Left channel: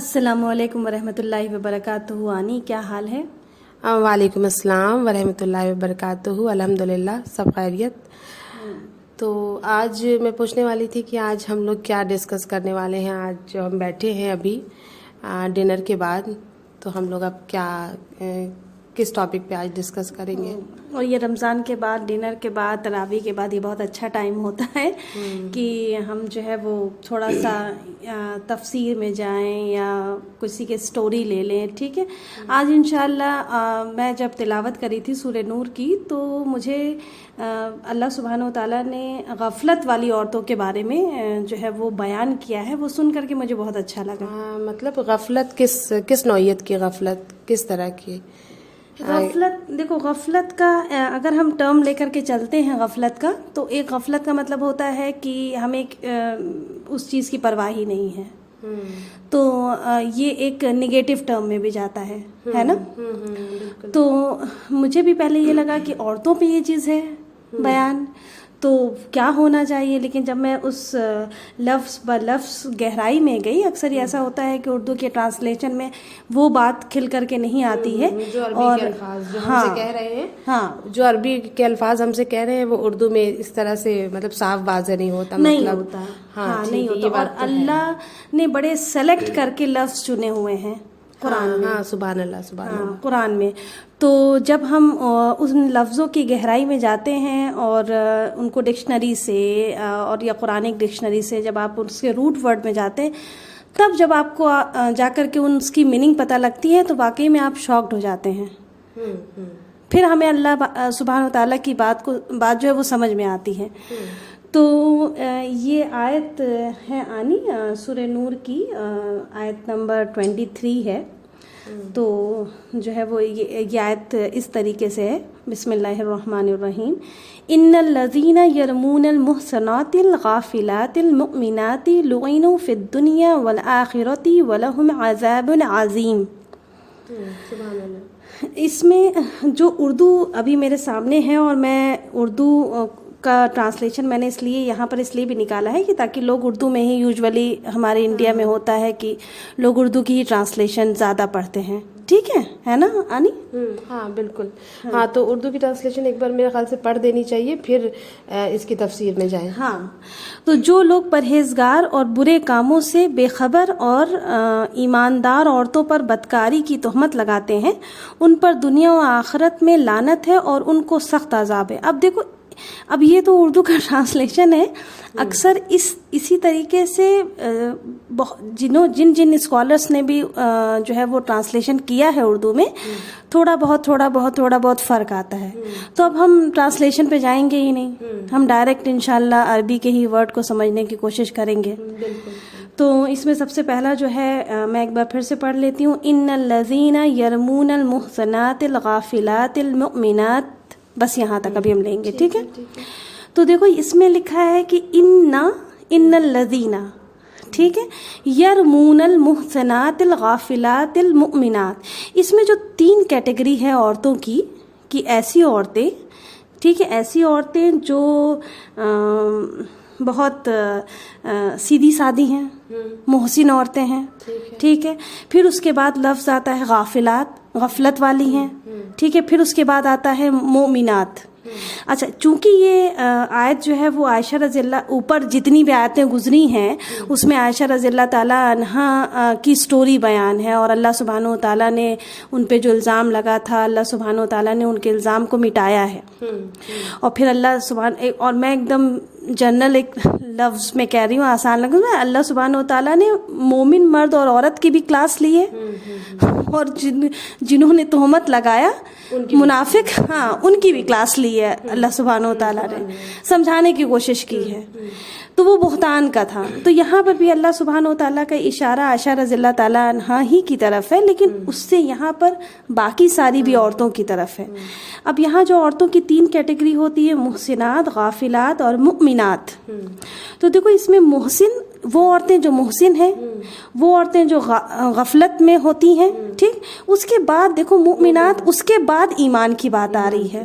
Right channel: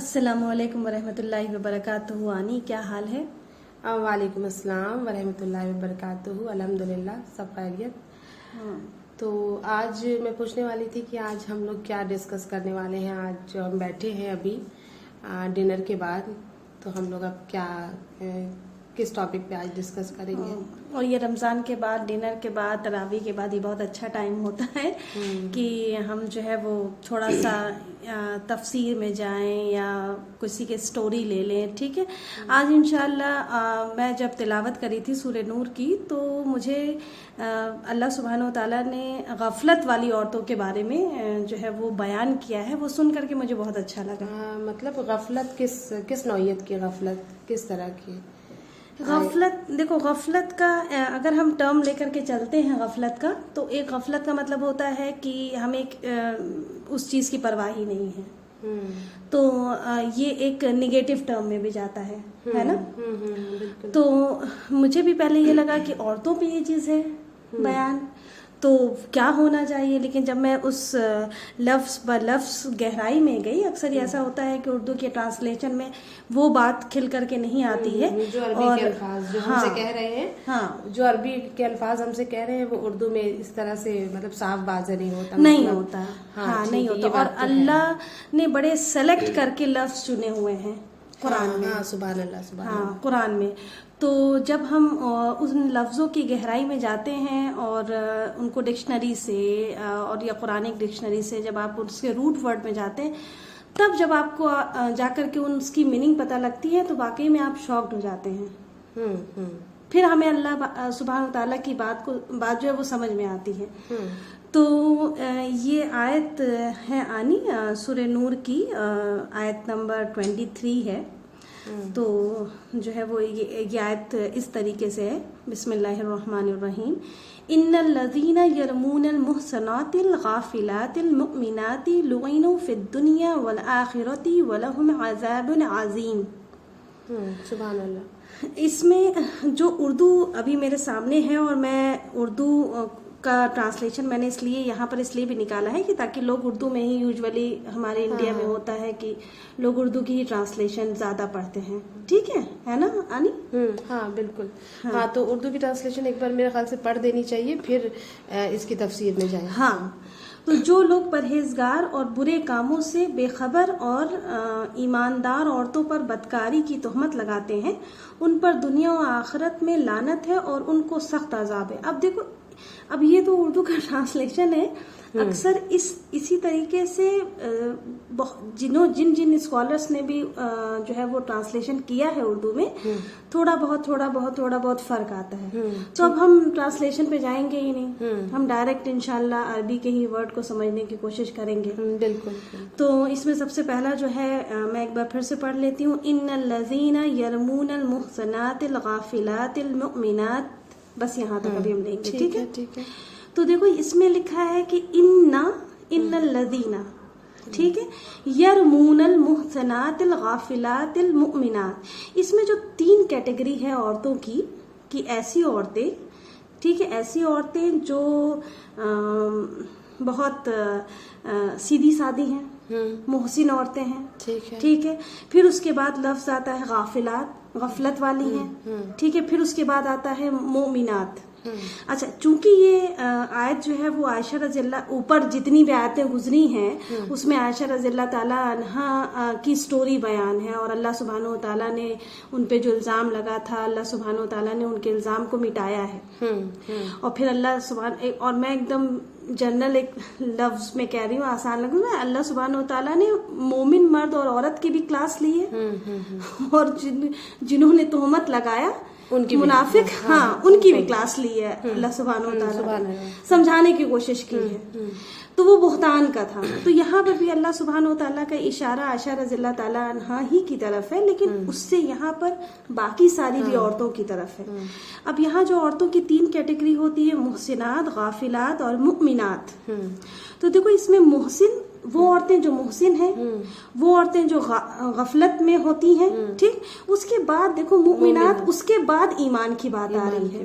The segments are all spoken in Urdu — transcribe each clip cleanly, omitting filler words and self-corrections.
السلام علیکم ورحمۃ اللہ وبرکاتہ. آنی کیا حال ہے؟ وعلیکم السلام ورحمۃ اللہ وبرکاتہ. الحمدللہ سب خیریت. تو آج میں پوچھنے والی تھی کہ آج ہم لوگ کیا ڈسکس کرنے والے ہیں. آج جو ہم بیٹھے ہیں ابھی ڈنر کے بعد، تو ہم لوگ اب کیا کس ٹاپک پہ آج ڈسکس کریں گے. اور یہ رمضان کے بعد، ڈنر کے بعد، تراویح کے بعد یہ بہت اچھا ٹائم ہوتا ہے کہ ہم جو ہے وہ تھوڑا سا تفسیر میں جائیں یا کسی کے سٹوری لے لیں. ٹھیک ہے. آج انشاءاللہ میں جب تلاوت کری تھی سورہ نور کی، تو مجھے اللہ سبحانہ و تعالیٰ نے غفلت والی عورتوں کے بارے میں جو ہے وہ بیان کیا ہے. وہ سن کر کے مجھے بہت اچھا لگا. مطلب غفلت کس نوعیت کی غفلت، کس طرح کی غفلت؟ دیکھو، غفلت کا اگر ہم ٹرم لے کر کے چلتے ہیں غفلت کا، تو ایک غفلت کا مطلب ہوتا ہے کہ ہمیں اس چیز کی پرواہ ہی نہیں ہے. تو یہ ایک نگیٹو ٹرم میں بھی جاتا ہے نا. تو مجھے بھی پہلے یہ لگا کہ عورتوں پہ یہ چیز ہے بیان، تو کیا ہونا چاہیے. لیکن جب میں اس لفظ بلفظ گہرائی میں گئی، اکثر ایسا ہوتا ہے کہ اردو کے ٹرانسلیشن میں وہ بات کھل کر کے نہیں آتی ہے. جو عربی کے الفاظ جو ہم سے کہہ رہے ہیں، جو عربی کے الفاظ ہم سے کہہ رہے ہیں، وہ اردو میں اس طرح سے مطلب صاف واضح نہیں ہوتا. نہیں ہوتا. نہیں ہوتا. اور اللہ نے بڑے سلیکٹ کر کے لفظ چنے ہوئے ہیں قرآن میں. سبحان اللہ، سبحان اللہ. قرآن میں. تو جب ہم ان لفظوں کی گہرائی میں جاتے ہیں اور ان کو ڈکشنری سے اور یا قرآنک ڈکشنری سے جب آپ اس کے روٹ ورڈ میں جاتے ہیں، تب جب آپ کو جا کر کے اس کی میننگ پتہ لگتی ہے، تو واقعی میں آپ شاکڈ ہو جاتے ہیں. پھر ہمیں اللہ سبحانہ و تعالیٰ کی بات جو ہے وہ سمجھ میں آتی ہے. تو یہ آیت ہے آنی سورہ نور کی آیت نمبر 23 ہے. تو جو ہے وہ یہ آیت اس طریقے سے ہے. بسم اللہ الرحمن الرحیم. ان الذین یرمون المحصنات الغافلات المؤمنات لعنوا فی الدنیا والآخرۃ ولہم عذاب عظیم. سبحان اللہ. اس میں جو اردو ابھی میرے سامنے ہے، اور میں اردو کا ٹرانسلیشن میں نے اس لیے بھی نکالا ہے کہ تاکہ لوگ اردو میں ہی، یوزولی ہمارے انڈیا میں ہوتا ہے کہ لوگ اردو کی ہی ٹرانسلیشن زیادہ پڑھتے ہیں. ٹھیک ہے نا آنی؟ ہاں بالکل. ہاں تو اردو کی ٹرانسلیشن ایک بار میرے خیال سے پڑھ دینی چاہیے، پھر اس کی تفسیر میں جائیں. ہاں. تو جو لوگ پرہیزگار اور برے کاموں سے بے خبر اور ایماندار عورتوں پر بدکاری کی تہمت لگاتے ہیں، ان پر دنیا و آخرت میں لعنت ہے اور ان کو سخت عذاب ہے. اب دیکھو، اب یہ تو اردو کا ٹرانسلیشن ہے. اکثر اسی طریقے سے جن اسکالرس نے بھی جو ہے وہ ٹرانسلیشن کیا ہے اردو میں، تھوڑا بہت فرق آتا ہے. تو اب ہم ٹرانسلیشن پہ جائیں گے ہی نہیں، ہم ڈائریکٹ انشاءاللہ عربی کے ہی ورڈ کو سمجھنے کی کوشش کریں گے. تو اس میں سب سے پہلا جو ہے میں ایک بار پھر سے پڑھ لیتی ہوں. ان الذین یرمون المحصنات الغافلات المؤمنات. بس یہاں تک ابھی ہم لیں گے. ٹھیک ہے. تو دیکھو، اس میں لکھا ہے کہ ان الذین، ٹھیک ہے، یرمون المحصنات الغافلات المؤمنات. اس میں جو 3 کیٹیگری ہے عورتوں کی، کہ ایسی عورتیں، ٹھیک ہے، ایسی عورتیں جو بہت سیدھی سادی ہیں، محسن عورتیں ہیں. ٹھیک ہے. پھر اس کے بعد لفظ آتا ہے غافلات، غفلت والی ہیں. ٹھیک ہے. پھر اس کے بعد آتا ہے مومنات. اچھا، چونکہ یہ آیت جو ہے وہ عائشہ رضی اللہ، اوپر جتنی بھی آیتیں گزری ہیں اس میں عائشہ رضی اللہ تعالیٰ عنہا کی سٹوری بیان ہے، اور اللہ سبحانہ و تعالیٰ نے ان پہ جو الزام لگا تھا، اللہ سبحانہ و تعالیٰ نے ان کے الزام کو مٹایا ہے. اور پھر اور میں ایک دم جنرل ایک لفظ میں کہہ رہی ہوں، آسان لگا، اللہ سبحانہ و تعالیٰ نے مومن مرد اور عورت کی بھی کلاس لی ہے، اور جنہوں نے تہمت لگایا منافق، ان کی بھی کلاس لی ہے. اللہ سبحانہ و تعالیٰ نے سمجھانے کی کوشش کی ہے. تو وہ بہتان کا تھا. تو یہاں پر بھی اللہ سبحانہ و تعالیٰ کا اشارہ عائشہ رضی اللہ تعالیٰ عنہا ہی کی طرف ہے، لیکن اس سے یہاں پر باقی ساری بھی عورتوں کی طرف ہے. اب یہاں جو عورتوں کی 3 کیٹیگری ہوتی ہے، محسنات، غافلات اور مؤمنات. تو دیکھو، اس میں محسن وہ عورتیں جو محسن ہیں، وہ عورتیں جو غفلت میں ہوتی ہیں. ٹھیک. اس کے بعد دیکھو مؤمنات، اس کے بعد ایمان کی بات آ رہی ہے.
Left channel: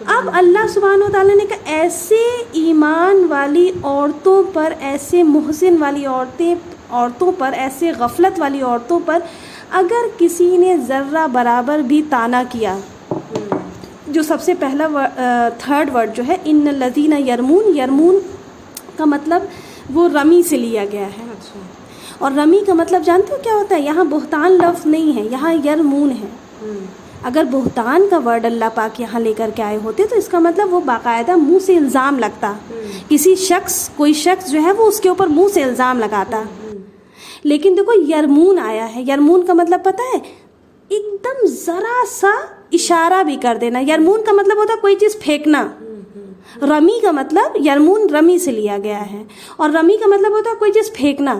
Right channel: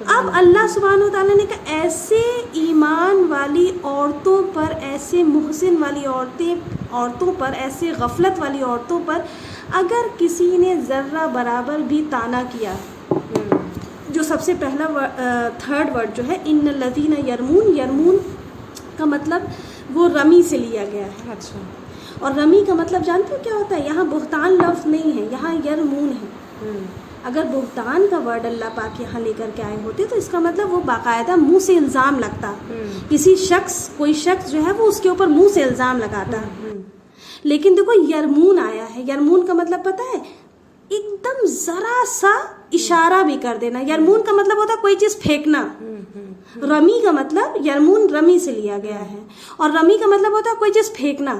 اب اللہ سبحانہ وتعالیٰ نے کہا ایسے ایمان والی عورتوں پر، ایسے محسن والی عورتوں پر، ایسے غفلت والی عورتوں پر اگر کسی نے ذرہ برابر بھی طعنا کیا، جو سب سے پہلا تھرڈ ورڈ جو ہے ان الذین یرمون، یرمون کا مطلب وہ رمی سے لیا گیا ہے. اچھا. اور رمی کا مطلب جانتے ہو کیا ہوتا ہے؟ یہاں بہتان لفظ نہیں ہے، یہاں یرمون ہے. اگر بہتان کا ورڈ اللہ پاک یہاں لے کر کے آئے ہوتے تو اس کا مطلب وہ باقاعدہ منہ سے الزام لگتا، کسی شخص، کوئی شخص جو ہے وہ اس کے اوپر منہ سے الزام لگاتا. لیکن دیکھو یرمون آیا ہے، یرمون کا مطلب پتہ ہے؟ ایک دم ذرا سا اشارہ بھی کر دینا. یرمون کا مطلب ہوتا ہے کوئی چیز پھینکنا. رمی کا مطلب یرمون رمی سے لیا گیا ہے، اور رمی کا مطلب ہوتا ہے کوئی چیز پھینکنا.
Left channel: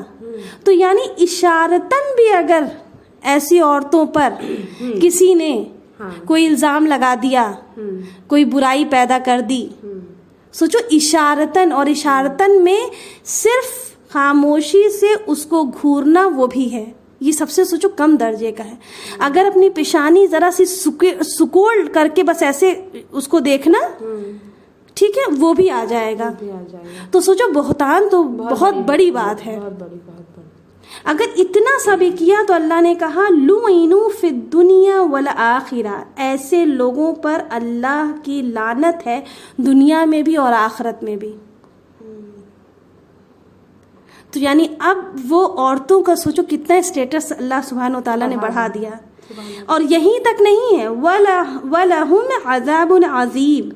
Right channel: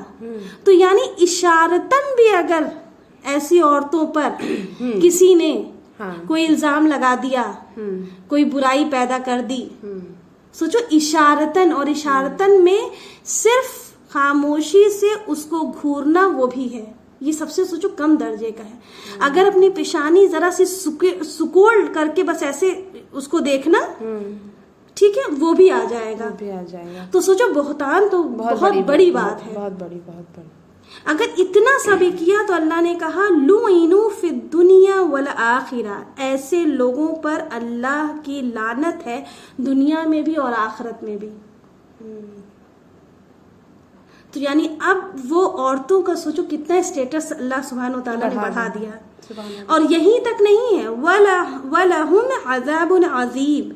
تو یعنی اشارتاً بھی اگر ایسی عورتوں پر کسی نے کوئی الزام لگا دیا، کوئی برائی پیدا کر دی، سوچو اشارتاً، اور اشارتاً میں صرف خاموشی سے اس کو گھورنا وہ بھی ہے. یہ سب سے سوچو کم درجے کا ہے. اگر اپنی پیشانی ذرا سی سکول کر کے بس ایسے اس کو دیکھنا، ٹھیک ہے، وہ بھی آ جائے گا. تو سوچو بہتان تو بہت بڑی بات ہے. بہت بڑی. اگر اتنا سا بھی کیا تو اللہ نے کہا لعنوا فی الدنیا والآخرہ، ایسے لوگوں پر اللہ کی لعنت ہے دنیا میں بھی اور آخرت میں بھی. تو یعنی اب وہ عورتوں کا سوچو کتنا اسٹیٹس اللہ سبحانہ و تعالیٰ نے بڑھا دیا. اور یہیں تک نہیں ہے، وَلَهُمْ عَذَابٌ عَظِيمٌ،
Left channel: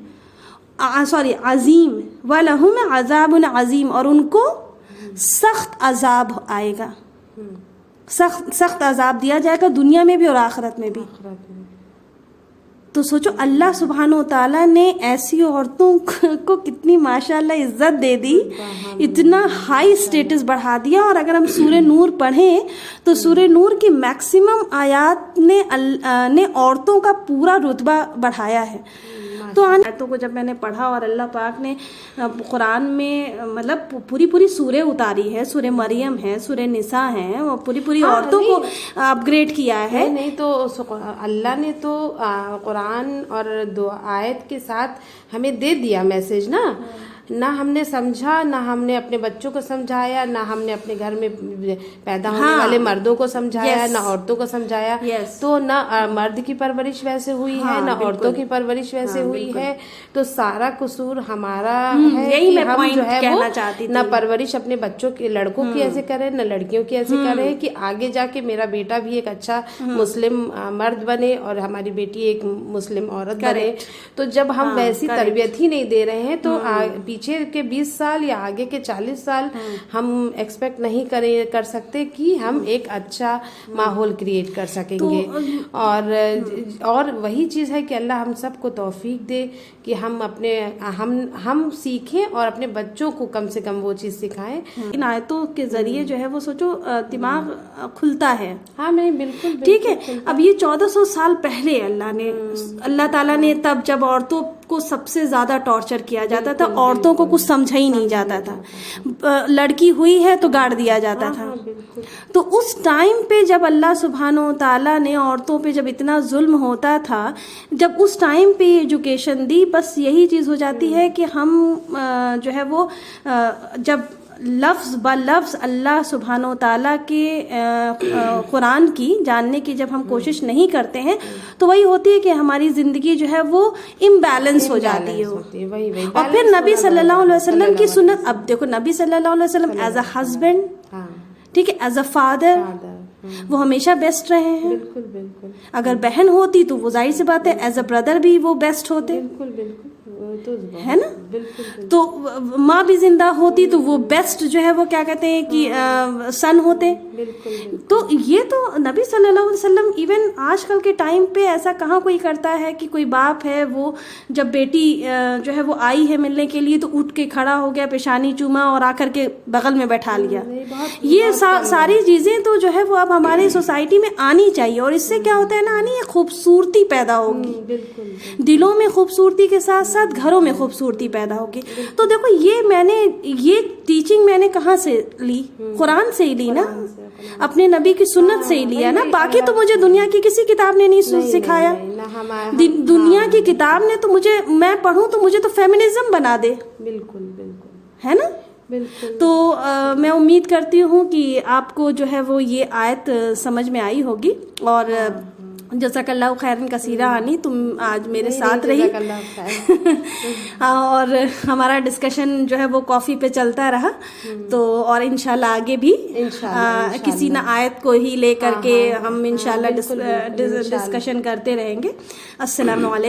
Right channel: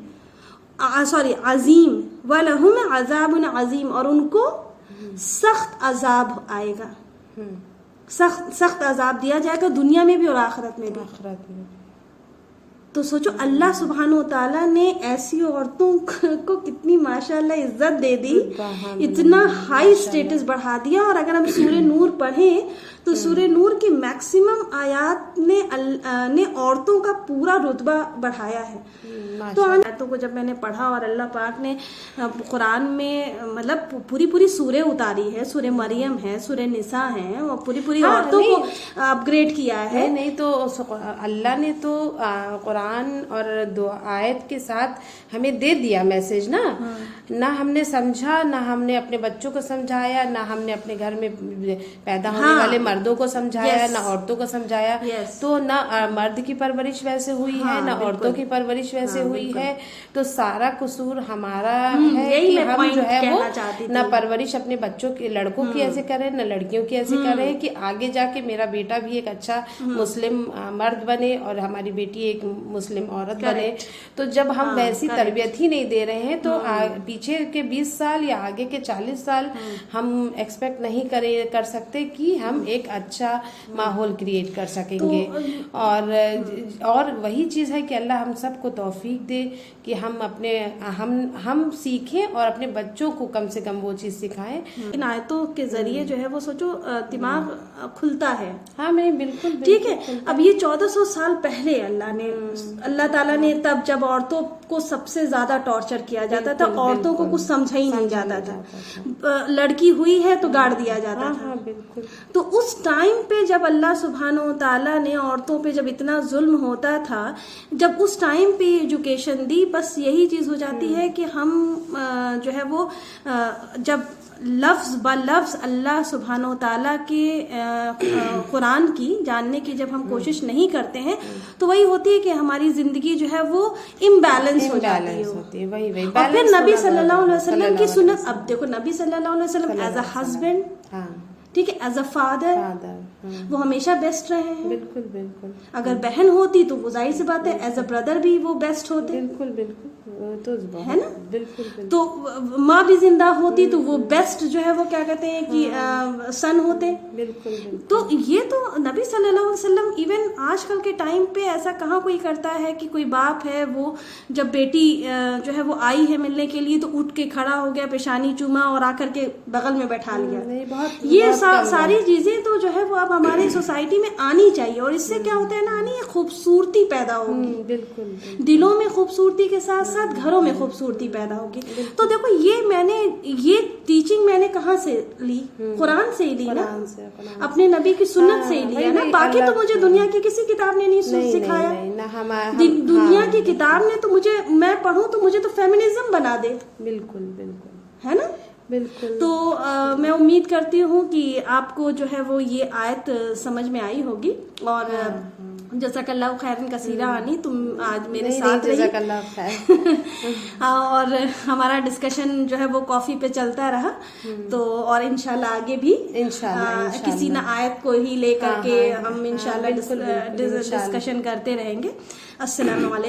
عظیم، وَلَهُمْ عَذَابٌ عَظِيمٌ، اور ان کو سخت عذاب آئے گا، سخت عذاب دیا جائے گا دنیا میں بھی اور آخرت میں بھی. تو سوچو اللہ سبحانہ و تعالیٰ نے ایسی عورتوں کو کتنی ماشاءاللہ عزت دے دی، اتنا ہائی سٹیٹس بڑھا دیا. اور اگر ہم سورہ نور پڑھیں تو سورہ نور کی میکسیمم آیات نے عورتوں کا پورا رتبہ بڑھایا ہے. تو آیتوں کو جب میں نے پڑھا اور اللہ پاک نے قرآن میں مطلب پوری سورہ اتاری ہے، سورہ مریم ہے، سورہ نساء ہے، اور پوری عورتوں کو اپ گریڈ کیا ہے. نہیں تو اللہ نے تو قرآن اور دو آیت کے ساتھ ہمیں دے دیا میسج نا. نہ ہم نے سمجھا، نہ ہم نے اپنے بچوں کو سمجھایا، نہ ہم نے اپنے گھر میں پیدا ہونے والے مردوں کو سمجھایا، نہ عورتوں کو سمجھایا. تو نہ مرد کی پرورش ویسے ہوئی ہے، نہ عورتوں کی پرورش ویسے ہوئی ہے. تو سارا قصور ہمارا ہے کہ ہم جو ہے وہ نہ پرورش اپنے بچوں کے، لڑکوں کی ایسے کریں، نہ لڑکیوں کی ایسے کریں کہ آگے جا کے میرا بیٹا بھی ایک اچھا مسلم مرد بنے اور ہماری بیٹی ایک مسلم عورت بنے. تو جب ہم ویسی تربیت ہی نہیں دے رہے ہیں تو پیچھے کے 20 سال یا آگے کے 40 سال ہم ایکسپیکٹ نہیں کر سکتے کہ ہم ایک اچھا ماحول کریٹ کر سکیں گے. اور وہی چیز ہے کہ اللہ ہم سب کو توفیق دے کہ ہم سیکھیں اور اپنے بچوں کو کم سے کم وہ چیز سکھائیں. ان آیتوں کے ذریعے جو ہے وہ سوچو دماغ کھلتا ہے. ہاں میں بالکل ٹھیک ہے. اب یہ 1400 سال پہلے اللہ تعالیٰ نے تب جب عورتوں کو سب سے زیادہ ٹارچر کیا جاتا تھا، عورتوں کو کچھ سمجھا ہی نہیں جاتا تھا، لڑکی ہوئی ہے تو گاڑ دیا جاتا تھا. تو اس ٹائم پہ جب اللہ سبحانہ و تعالیٰ نے عورتوں پہ جب اتنا ظلم ہوتا تھا، جب اس ٹائم پہ ایجوکیشن دی، بس یہی چیز ہو جاتی ہے کہ ہم جو ہے وہ جب لفظ بلفظ اللہ سبحانہ و تعالیٰ کے قرآن کی جاننے کی جب ہم کوشش نہیں کرتے ہیں تو وہی ہوتی ہے کہ ہماری زندگی جو ہے وہ امبیلنس ہو جاتی ہے. اور پھر نبی صلی اللہ علیہ وسلم کی سنت، اب دیکھو نبی صلی اللہ علیہ وسلم ایز اے ہسبینڈ، ٹھیک ہے، ایز اے فادر وہ ہمیشہ بیسٹ رہے ہیں. بالکل بالکل. اگر بہن ہوتی تو وہ ظاہر سی بات ہے ایز اے بردر بھی وہ بیسٹ ہوتے. بالکل بالکل ہے نا. تو ماں بھی زندہ ہوتی تو وہ بیسٹ جو ہے وہ کیا کہتے ہیں کہ سن ہوتے. تو یہ تو نبی صلی اللہ علیہ وسلم ایون آج کل کے ٹائم پہ ایسا کہاں کوئی کرتا ہے کہ کوئی باپ ہے وہ جب بیٹی جو ہے وہ آئی ہے ملنے کے لیے تو اٹھ کے کھڑا ہو گیا، پیشانی چوما اور آ کر کے بغل میں بیٹھا لیا. یہ ساری چیزیں تو جو ہے وہ اب ہماری سوسائٹی میں آنی چاہیے. اور اس سے کیا ہوتا ہے نا، خوبصورتی پیدا ہوگی. بالکل. دلوں میں خوبصورتی کے ساتھ ساتھ گھروں میں خوبصورتی پیدا ہوگی. تو دیکھو یہ ٹیچنگ میں نے کہاں سے لی؟ قرآن سے ہی لی نا, اپنے نبی کی سنت سے ہی لیا نا. باقی تو مجھے دنیا کی کسی کتاب نے نہیں سکھایا. دنیا کی کتاب نے تو مجھے, میں پڑھوں تو مجھے تو فیمنزم بنا دے. بالکل بالکل, ہے نا. بالکل. تو میں امید کرتی ہوں کہ آپ کو جو ہے وہ یہ آیت سمجھ میں آئی ہوگی. اور جزاک اللہ خیرن کثیرہ آنی, تم آج میرے ساتھ رہی. جزاک اللہ خیر. اور ہمارا ڈسکشن جو ہے وہ کافی پہ چلتا رہا. تو اور انشاءاللہ آگے بھی کسی نہ آیت کو ہی لے کر کے ہم انشاءاللہ ڈسکشن کرتے رہیں گے. السلام علیکم.